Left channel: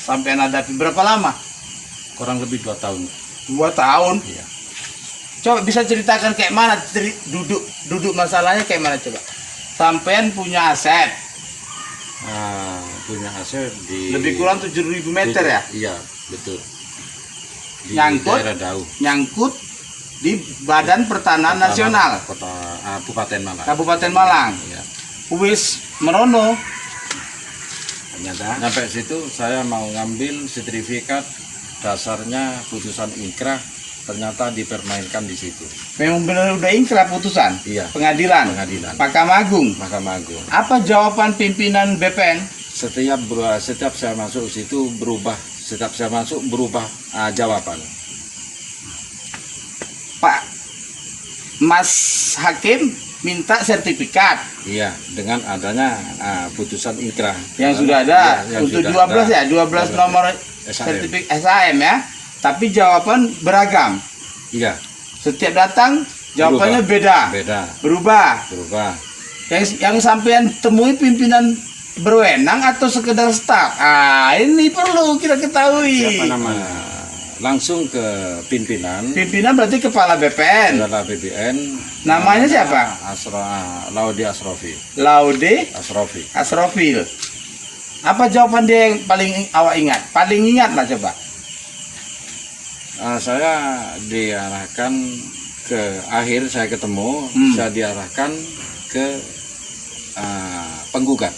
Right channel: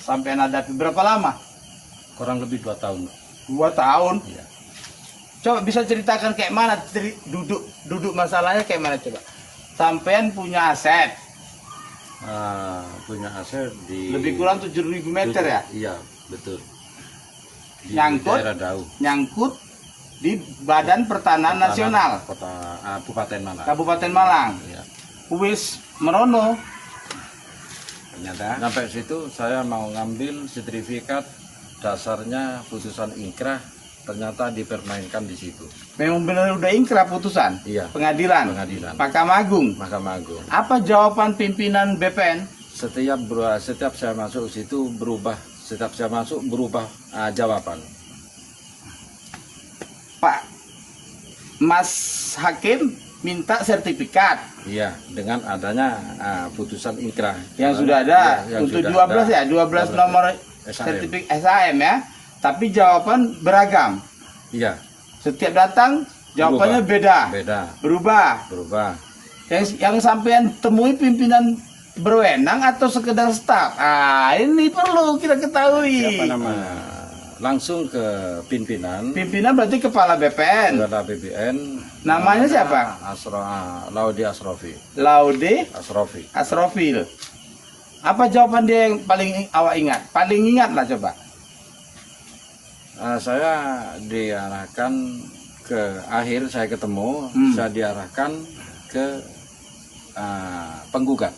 Sampai hadapi berapa lama? Kurang lebih 2 tahun. 2 tahun. Iya. Coba bisa ceritakan kayak mana duduk masalahnya kayak mana coba? Sampean punya aset Punya aset di lebih kurang 7.000 meter ya? Iya, betul. Di Nyangkut? daerah Dau, Nyangkut di Badan Pertanahan Nasional Kabupaten Malang. Kabupaten Malang. Iya. Wis merono. Ternyata sampai situ saya mau ngambil sertifikat, dasarnya putusan inkrah, ternyata dipermainkan di situ. Memang benar udah ingkrah putusan? Iya. Pengadilan? Pengadilan. Mahkamah Agung? Mahkamah Agung. Apa jawaban pimpinan BPN? Setiap saya masuk situ berubah, jawaban. Pak Mas Hakim minta sertifikat Iya, dengan adanya putusan inkrah yang sudah ada yang untuk sudah 12 ada. ya, 12 nomor SAM. sertifikat SAM ya. Tapi jawaban beragam. Iya, Setiap datang jawabannya beda. Berubah. Yang sampean temui pimpinan berwenang atau sekedar staf? Ini perlu kita ketahui. Siapa nama? Langsung ke pimpinan. Pimpinan berarti kepala BPN. Adalah BPN. Namanya siapa? Laude Asrofi. Laude Asrofil. Apa jawaban dia yang paling awak ingat? Paling ingat lah coba. Saya diarahkan ke akhir, saya ketemu, saya diarahkan ke penggugat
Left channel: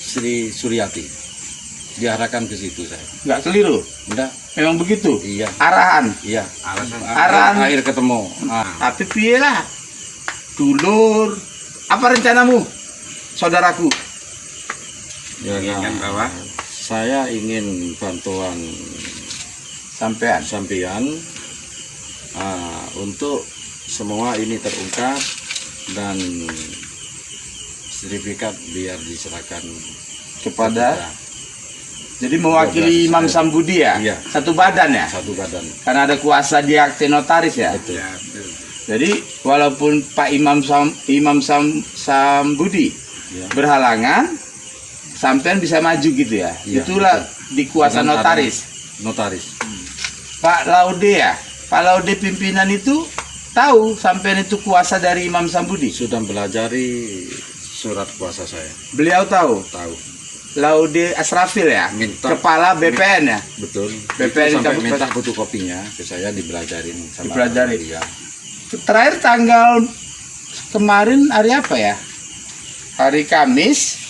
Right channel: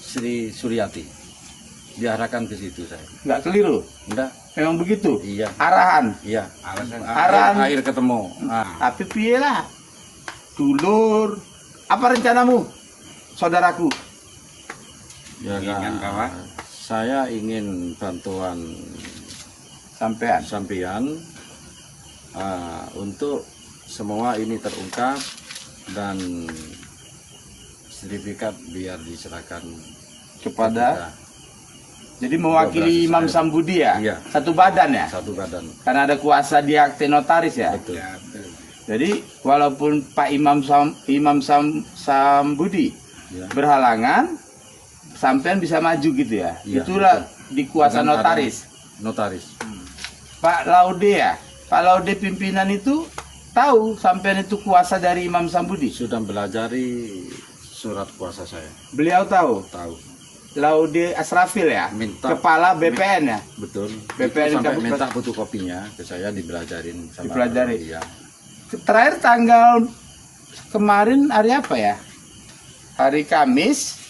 Sri Suryati. Diarahkan ke situ saya. Nggak keliru? Enggak. Memang begitu? Iya. Arahan? Iya. Arahan. Akhir ketemu. Tapi piye lah? Dulur. Apa rencanamu, saudaraku? Ya, bahwa saya ingin bantuan sampean untuk semua ini terungkap dan sertifikat biar diserahkan kepada. Jadi mewakili Imam Sambudi ya? Iya. Satu badan ya? Satu badan. Karena ada kuasa di akte notaris ya? Betul. Jadi walaupun Pak Imam Sambudi berhalangan, sampean bisa maju gitu ya? Iya, Itulah di kuasa dengan notaris. Pak Laude ya? Pak Laude pimpinan itu tahu sampean itu kuasa dari Imam Sambudi? Sudah belajari surat kuasa saya. Beliau tahu? Tahu. Laude Asrafil ya? Minta. Kepala BPN ya? Betul. BPN Itu sampai Kabupaten. minta fotokopinya ke saya dibelajarin sama Dipelajari. dia. Terakhir tanggal kemarin hari apa ya? Hari Kamis.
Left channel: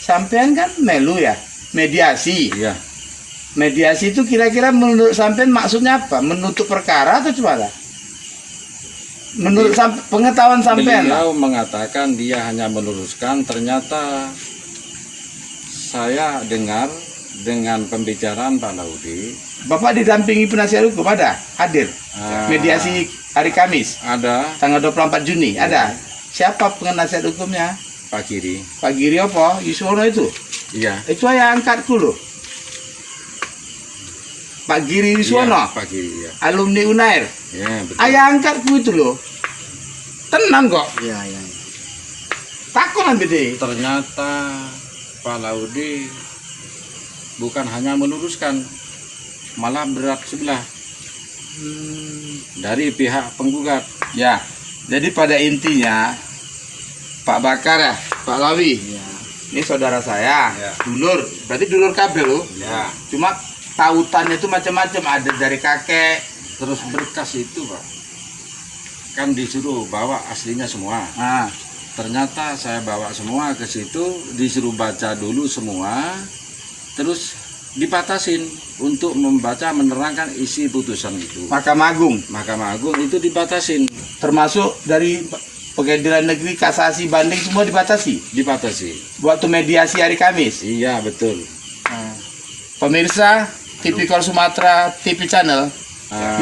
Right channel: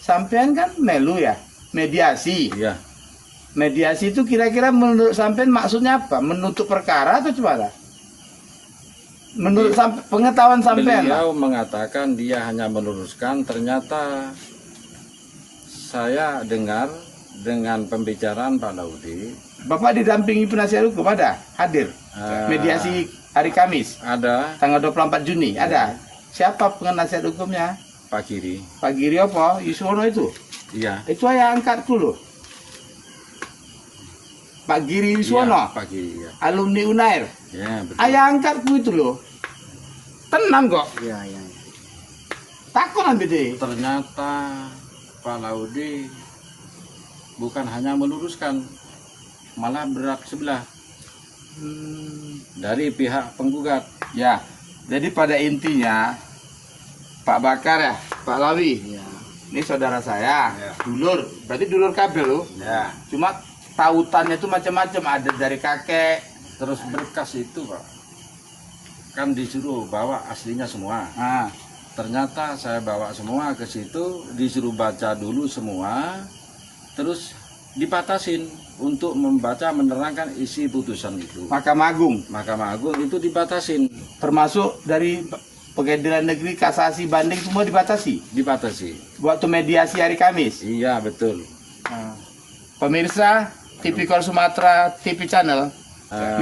Sampean kan melu ya? Mediasi. Iya. Mediasi itu kira-kira menurut sampean maksudnya apa? Menutup perkara atau gimana? Menurut pengetahuan sampean lah. Beliau mengatakan dia hanya meluruskan, ternyata saya dengar dengan pembicaraan Pak Laude. Bapak didampingi penasihat hukum ada? Hadir? Mediasi hari Kamis? Ada. Tanggal 24 Juni? Ada? Siapa penasihat hukumnya? Pak Giri. Pak Giri apa? Yuswono itu? Iya. Itu ayah angkatku loh. Pak Giri Yuswono? Iya, Pak Giri, iya. Alumni Unair? Ya, betul. Ayah angkatku itu loh. Tenang kok. Iya. Takut ambil deh. Ternyata Pak Laude bukan hanya meluruskan, malah berat sebelah dari pihak penggugat. Ya, jadi pada intinya Pak Bakar ya, Pak Lawi, ini saudara saya, dulur, berarti dulur kabel loh. Ya. Cuma tautannya itu macam-macam, ada dari kakek. Terus berkas itu Pak, kan disuruh bawa aslinya semua. Nah, Ternyata saya bawa semua ke situ, disuruh baca dulu semua, terus dibatasin untuk membaca menerangkan isi putusan itu. Mahkamah Agung, Mahkamah Agung itu dibatasin, termasuk dari Pengadilan Negeri, kasasi, banding semua dibatasi. Waktu mediasi hari Kamis. Iya betul. Pemirsa Tipikor Sumatera TV Channel,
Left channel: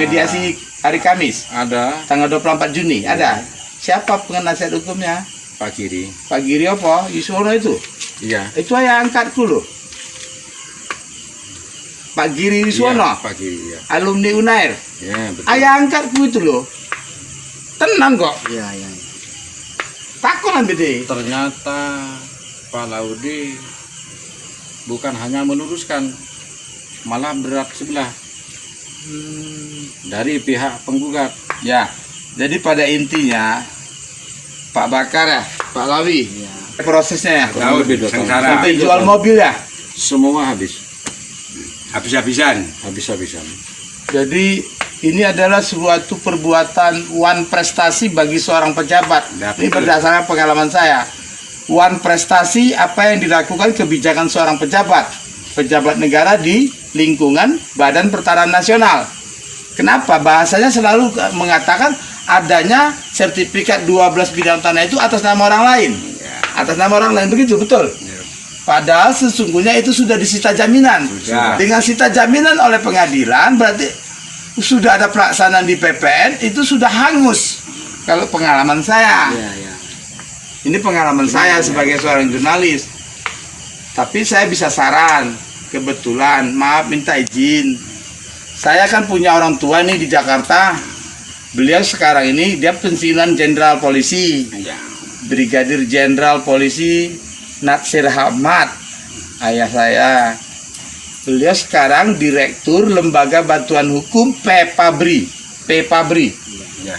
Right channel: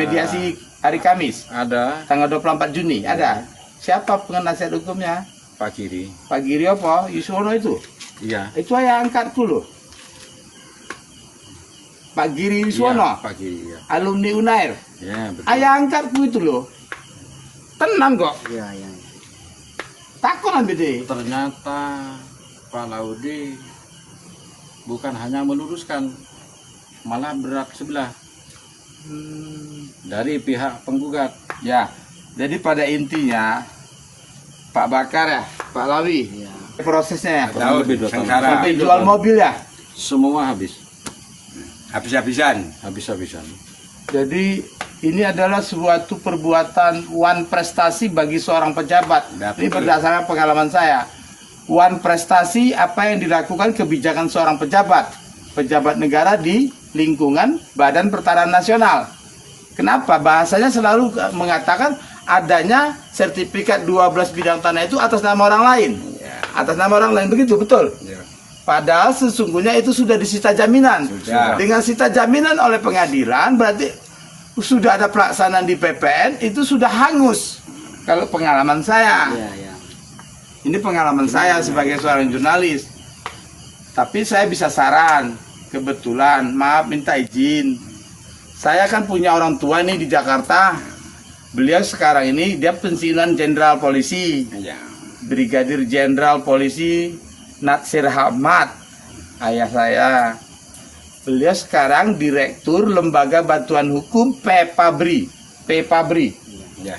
mediasi hari Kamis, Ada tanggal 24 Juni, ada. Siapa penasihat hukumnya? Pak Giri. Pak Giri apa? Yuswono itu? Iya. Itu ayah angkatku loh. Pak Giri Yuswono? Iya, Pak Giri, iya. Alumni Unair? Ya, betul. Ayah angkatku itu loh. Tenang kok. Iya. Takut ambil deh. Ternyata Pak Laude bukan hanya meluruskan, malah berat sebelah dari pihak penggugat. Ya, jadi pada intinya Pak Bakar ya, Pak Lawi, prosesnya ya, Kurang lebih 2 tahun. sampai jual mobil ya. Semua habis, Habis-habisan. habis-habisan. Jadi ini adalah suatu perbuatan wan prestasi bagi seorang pejabat. Ya, Ini betul. berdasarkan pengalaman saya. Wan prestasi apa yang dilakukan kebijakan seorang pejabat negara di lingkungan Badan Pertanahan Nasional. Kenapa? Bahasanya selalu mengatakan adanya sertifikat 12 bidang tanah itu atas nama orang lain. Atas nama orang lain, begitu, betul? Padahal sesungguhnya itu sudah disita jaminan. Sudah. Dengan sita jaminan oleh pengadilan berarti sudah ada pelaksanaan di PPN, itu sudah hangus. Kalau pengalaman saya. Ini pengalaman saya sebagai seorang jurnalis. Tapi saya bisa saran, kebetulan, maaf minta izin. Saya kan punya orang tua nih di Jakarta. Beliau sekarang ini dia pensiunan jenderal polisi. Ya. Brigadir Jenderal Polisi Natsir Ahmad, ayah saya. Beliau sekarang Direktur Lembaga Bantuan Hukum PEPABRI. Ya.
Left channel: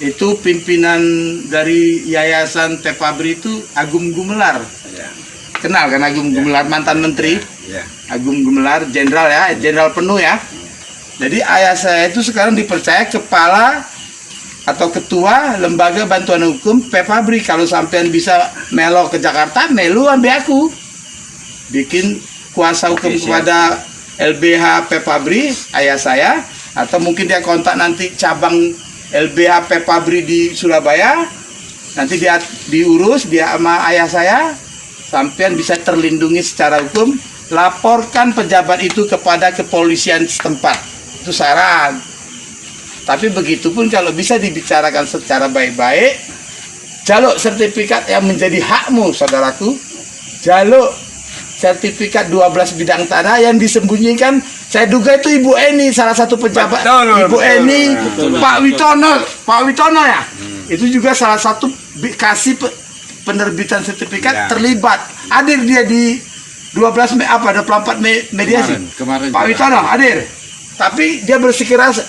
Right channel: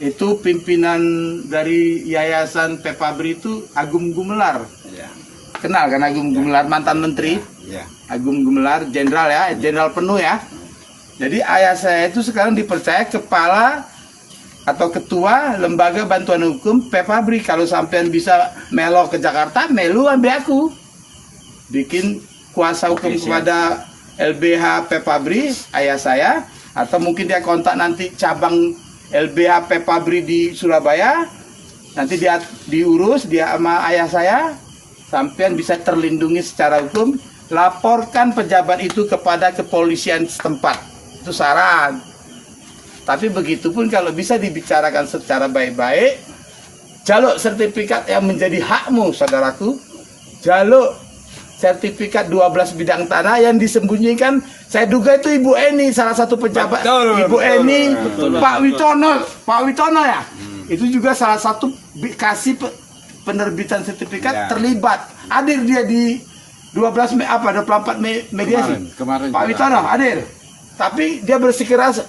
Itu pimpinan dari Yayasan PEPABRI itu Agung Gumelar. Ya. Kenal kan Agung Gumelar, mantan menteri? Ya. Agung Gumelar, jenderal ya, jenderal penuh ya. Jadi ayah saya itu sekarang dipercaya kepala atau ketua Lembaga Bantuan Hukum PEPABRI. Kalau sampean bisa melo ke Jakarta, melu ambil aku. Bikin kuasa hukum Oke, siap. kepada LBH PEPABRI, ayah saya. Atau mungkin dia kontak nanti cabang LBH PEPABRI di Surabaya. Nanti dia diurus, dia sama ayah saya. Sampean bisa terlindungi secara hukum. Laporkan pejabat itu kepada kepolisian setempat. Itu saran. Tapi begitupun kalau bisa dibicarakan secara baik-baik, jaluk sertifikat yang menjadi hakmu, saudaraku. Jaluk sertifikat 12 bidang tanah yang disembunyikan. Saya duga itu Ibu Eni, salah satu pejabat. Betul, Ibu betul, Eni, betul. Pak Witono ya. Itu juga salah satu kasih penerbitan sertifikat Ya. terlibat. Hadir dia di 12 apa 24 mediasi. Kemarin Pak juga Witono hadir. Tapi dia bersikeras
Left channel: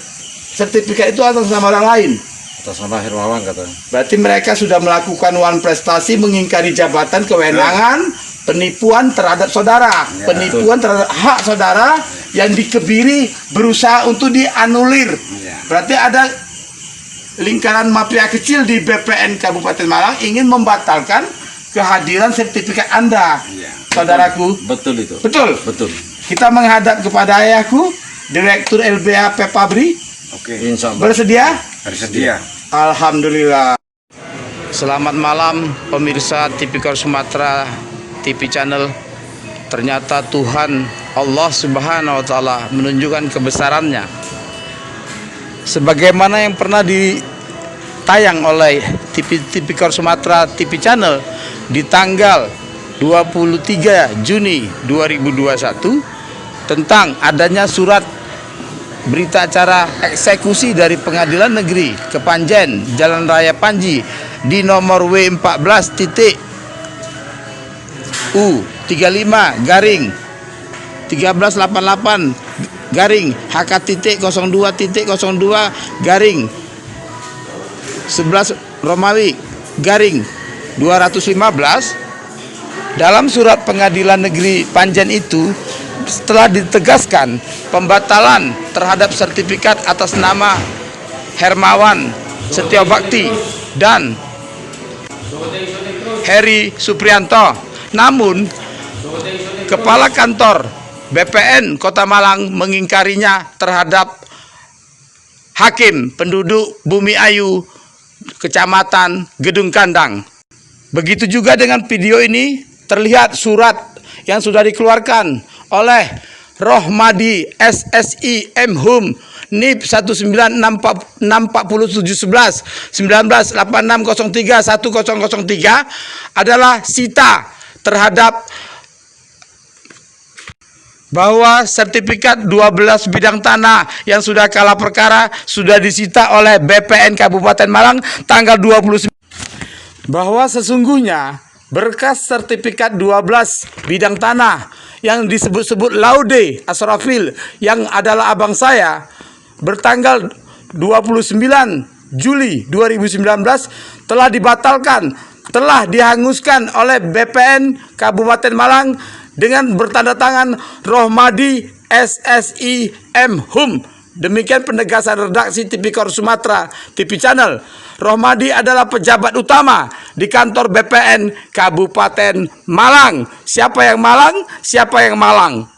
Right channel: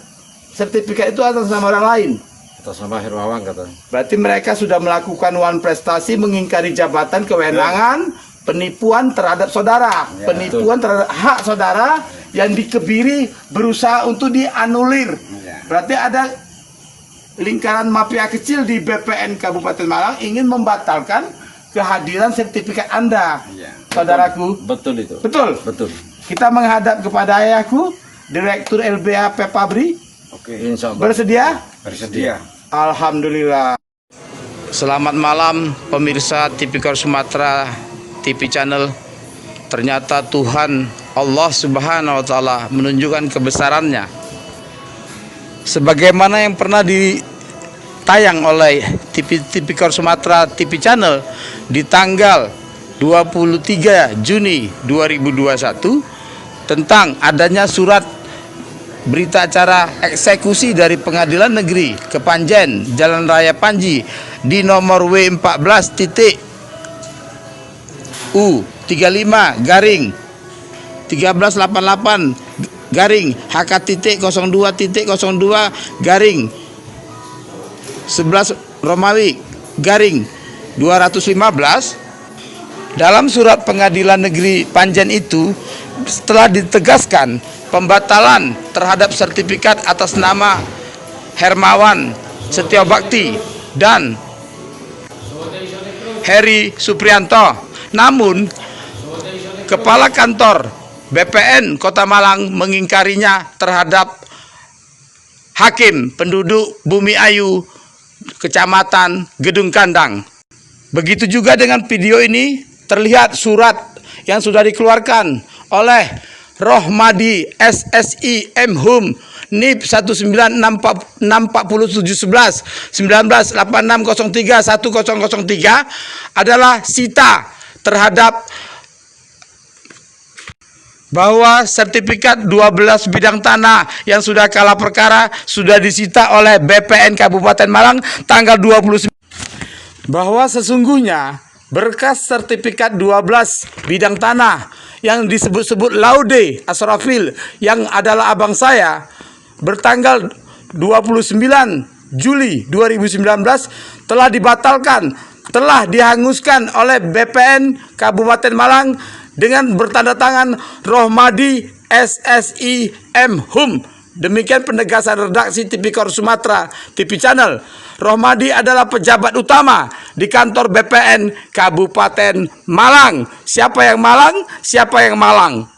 sertifikat itu atas nama orang lain. atas nama Hermawan katanya. Berarti mereka sudah melakukan wan prestasi, mengingkari jabatan, kewenangan, penipuan terhadap saudara, penipuan terhadap hak saudara yang dikebiri, berusaha untuk dianulir. Berarti ada lingkaran mafia kecil di BPN Kabupaten Malang ingin membatalkan kehadiran sertifikat Anda, saudaraku. Betul itu. Betul. Betul. Kita menghadap kepada ayahku, Direktur LBH PEPABRI. Oke. Insya Allah. Bersedia? Bersedia. Alhamdulillah. Selamat malam pemirsa Tipikor Sumatera TV Channel. Ternyata Tuhan Allah Subhanahu wa taala menunjukkan kebesarannya. Sebagaimana yang pernah ditayang oleh Tipikor Sumatera TV Channel di tanggal 23 Juni 2021 tentang adanya surat berita acara eksekusi dari Pengadilan Negeri Kepanjen Jalan Raya Panji di nomor W14.U35 garing 1388 garing HK.02.02 garing 11 Romawi garing 215. Dalam surat Pengadilan Negeri Panjen itu setelah ditegaskan pembatalan terhadap sertifikat atas nama Hermawan Setiobakti dan Heri Suprianto. Namun Kepala Kantor BPN Kota Malang mengingkarinya terhadap Hakim penduduk Bumi Ayu Kecamatan Gedung Kandang. Begitu juga dengan video ini terlihat surat yang sudah dikeluarkan oleh Rohmadi SSI MHUM NIP 1964711 1986031003 adalah sita terhadap bahwa sertifikat 12 bidang tanah yang sudah kalah perkara sudah disita oleh BPN Kabupaten Malang tanggal 29, bahwa sesungguhnya berkas sertifikat 12 bidang tanah yang disebut-sebut Laude Asrafil yang adalah abang saya bertanggal 29 Juli 2019 telah dibatalkan, telah dihanguskan oleh BPN Kabupaten Malang dengan bertanda tangan Rohmadi SSI M Hum. Demikian penegasan redaksi Tipikor Sumatera TV Channel. Rohmadi adalah pejabat utama di kantor BPN Kabupaten Malang. Siapa yang Malang? Siapa yang Malang?